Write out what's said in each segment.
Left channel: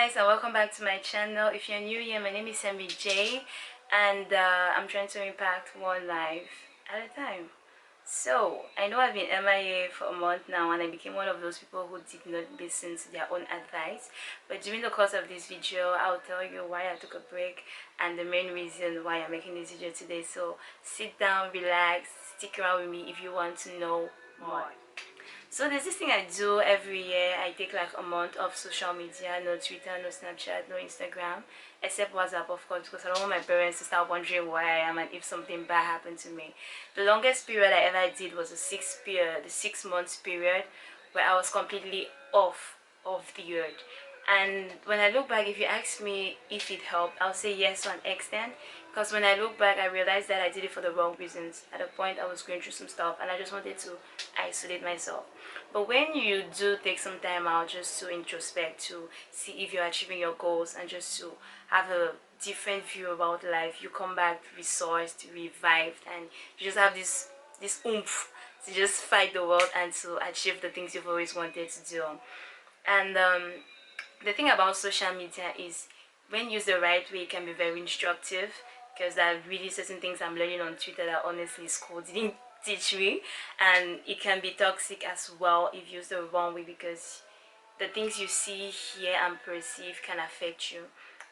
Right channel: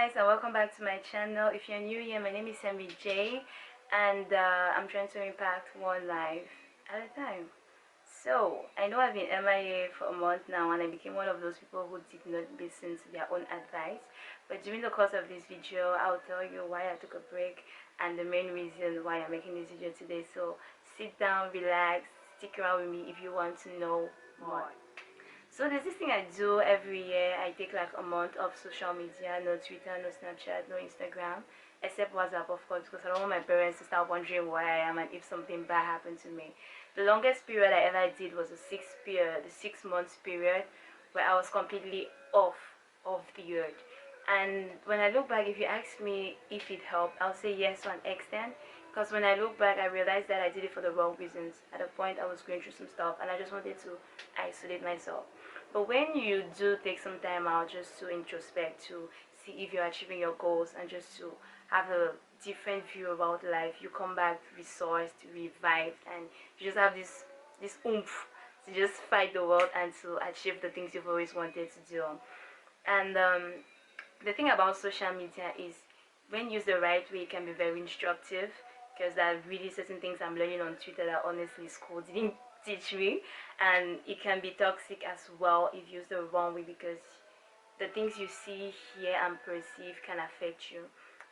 guys, and welcome back to my channel. If you're new here, my name is J, and I'm trying to impact one life at a time. So I know I've been MIA for a month now, and I became one of those people who did not listen to their own advice. But during the course of this video, I'll tell you why I took a break and the main reason why I'm making this video today. So sit down, relax, stick around with me if you want to know more. So there's this thing I do every year. I take like a month of social media, no Twitter, no Snapchat, no Instagram, except WhatsApp, of course, because I don't want my parents to start wondering where I am and if something bad happened to me. The longest period I ever did was the 6 months period, where I was completely off of the earth. And when I look back, if you ask me if it helped, I'll say yes to an extent. Because when I look back, I realized that I did it for the wrong reasons. At a point, I was going through some stuff and I just wanted to isolate myself. But when you do take some time out just to introspect, to see if you're achieving your goals and just to have a different view about life, you come back resourced, revived, and you just have this oomph to just fight the world and to achieve the things you've always wanted to do. And the thing about social media is when used the right way, it can be very instructive, because there are really certain things I'm learning on Twitter that honestly school didn't teach me, and it can be toxic as well if used the wrong way, because the things you see, hear, and perceive can affect you.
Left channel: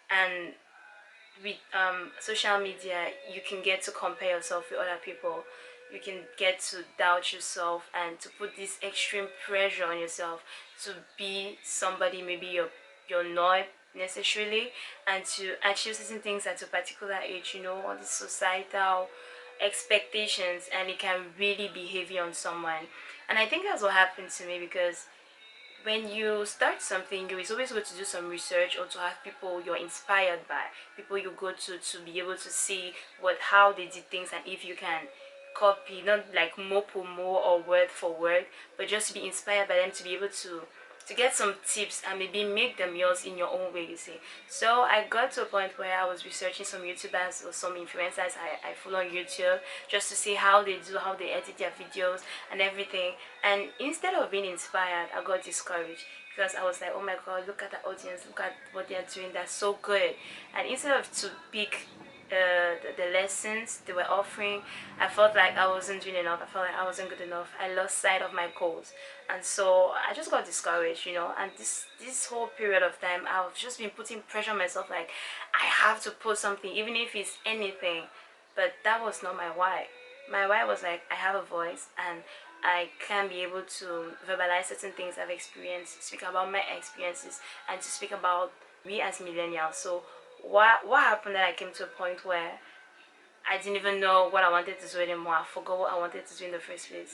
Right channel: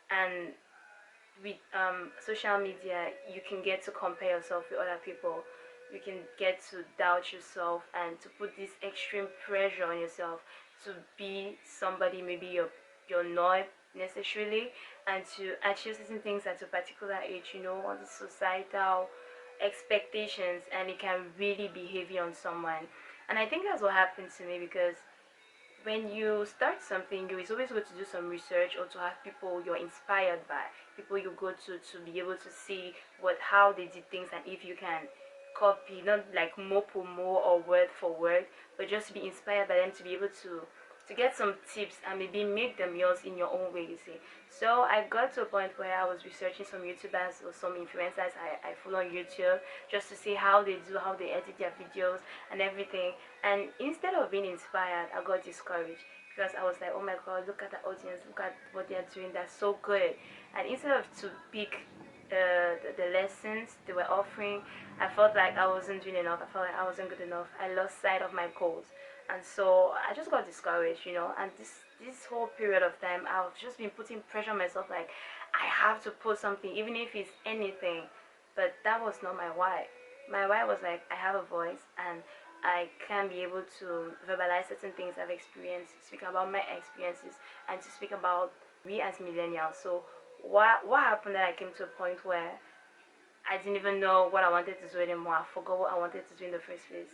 And with social media, you can get to compare yourself with other people. You can get to doubt yourself and to put this extreme pressure on yourself to be somebody maybe you're not necessarily, and to achieve certain things at a particular age, all these societal expectations, and it can really be heavy on someone. And I think that's what happened to me, because when you start something, you is always good to do some research, or to have people you're inspired by, people you go to be able to see how they did things, and if you can copy, not like more or word for word, but just to be inspired by them, to be able to get some tips and maybe make them yours in your own way, you see. So I got to a point where I was researching some YouTubers or some influencers I follow on YouTube, just to see how they edit their videos and everything. And instead of being inspired, I got discouraged, because I was like, oh my god, look at the audience, look at what they're doing, that's so good. And instead of to pick the lessons they were offering, I felt like I wasn't doing enough. I felt like I wasn't good enough. I lost sight of my goals, and so I just got discouraged, and this whole period of time, I've just been putting pressure on myself, like I have to post something, even if it's anything. But that was not my why. My why was like, I have a voice, and I can be able to verbalize certain things I've experienced, speak about my experiences, and to speak about we as millennials. So what happened, that I came to a point where I didn't even know what I wanted to do anymore. I forgot what I wanted to do in the first place.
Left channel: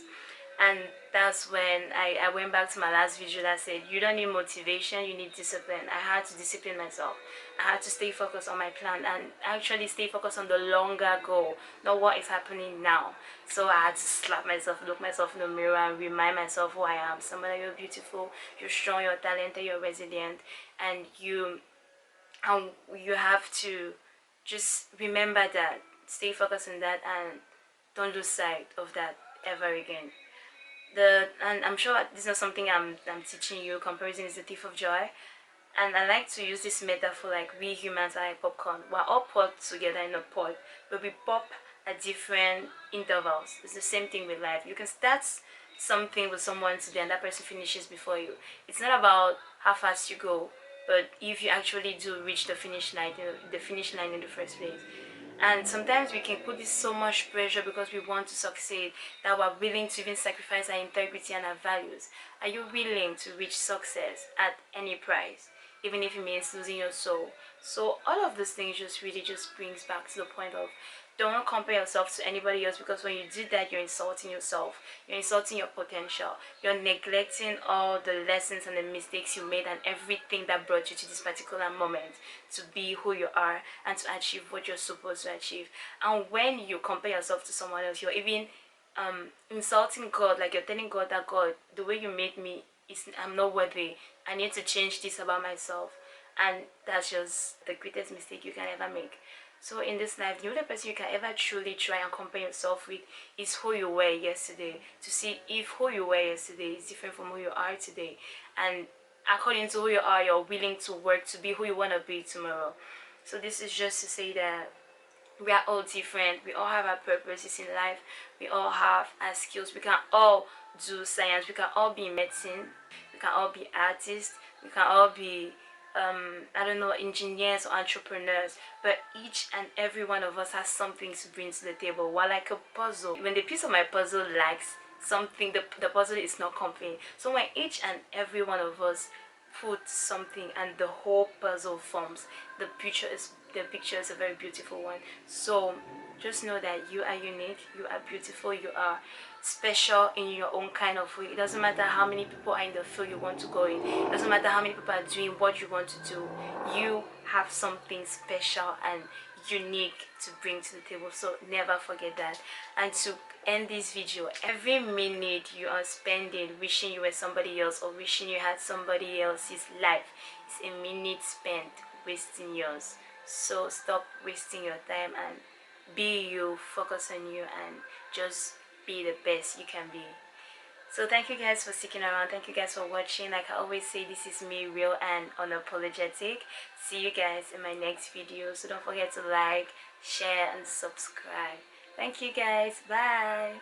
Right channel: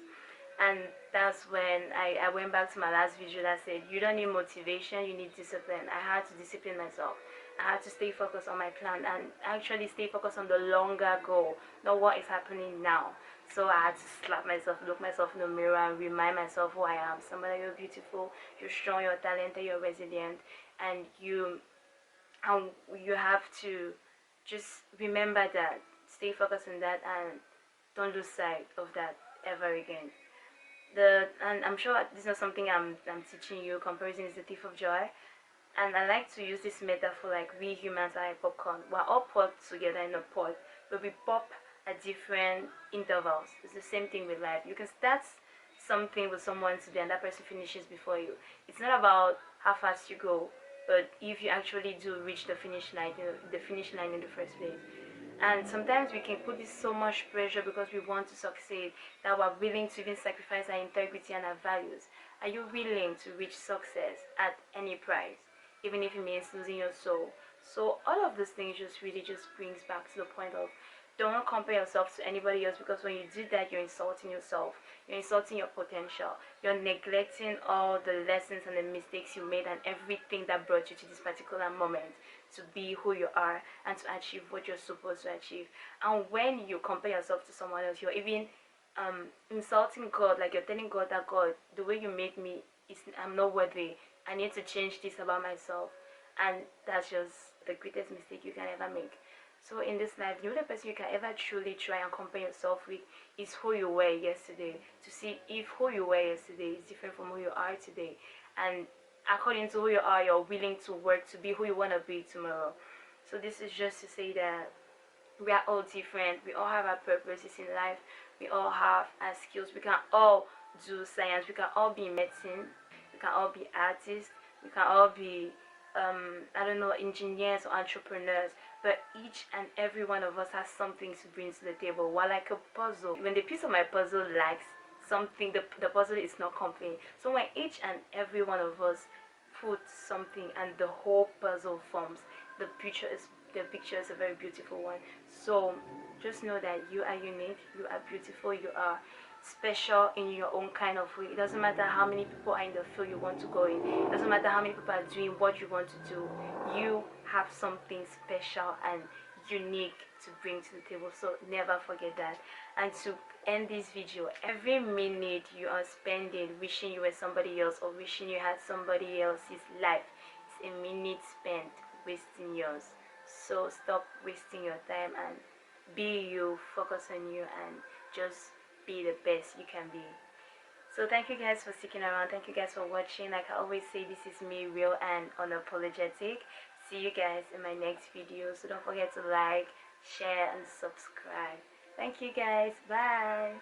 And that's when I went back to my last video that said, you don't need motivation, you need discipline. I had to discipline myself. I had to stay focused on my plan, and actually stay focused on the longer goal, not what is happening now. So I had to slap myself, look myself in the mirror, and remind myself who I am. Somebody, you're beautiful, you're strong, you're talented, you're resilient, and you have to just remember that, stay focused on that, and don't lose sight of that ever again. And I'm sure this is not something I'm teaching you. Comparison is the thief of joy. And I like to use this metaphor, like we humans are like popcorn. We're all popped together in a pot, but we pop at different intervals. It's the same thing with life. You can start something with someone today, and that person finishes before you. It's not about how fast you go, but if you actually do reach the finish line, the finish line in the first place. And sometimes we can put this so much pressure because we want to succeed, that we're willing to even sacrifice our integrity and our values. Are you willing to reach success at any price, even if it means losing your soul? So all of these things just really just brings back to the point of, don't compare yourself to anybody else, because when you do that, you're insulting yourself, you're insulting your potential, you're neglecting all the lessons and the mistakes you made, and everything that brought you to this particular moment to be who you are and to achieve what you're supposed to achieve. And when you compare yourself to someone else, you're even insulting God. Like, you're telling God that, God, the way you made me, I'm not worthy, I need to change this about myself. And that's just the greatest mistake you can ever make. So in this life, the only person you can ever truly try and compare yourself with is who you were yesterday, to see if who you were yesterday is different from who you are today. And according to who you are, you're willing to work to be who you want to be tomorrow. So this is just to say that we are all different, we all have our purposes in life, we all have our skills, we can all do science, we can all be medicine, we can all be artists, we can all be I don't know, engineers or entrepreneurs, but each and every one of us has something to bring to the table. We're like a puzzle. When the piece of my puzzle lacks something, the puzzle is not complete. So when each and every one of us put something and the whole puzzle forms, the picture is a very beautiful one. So just know that you are unique, you are beautiful, you are special in your own kind of way. It doesn't matter how many people are in the field you want to go in, it doesn't matter how many people are doing what you want to do. You have something special and unique to bring to the table, so never forget that. And to end this video, every minute you are spending wishing you were somebody else or wishing you had somebody else's life is a minute spent wasting yours. So stop wasting your time and be you, focus on you, and just be the best you can be. So thank you guys for sticking around, thank you guys for watching. Like I always say, this is me, real and unapologetic. See you guys in my next video, so don't forget to like, share and subscribe. Thank you guys, bye.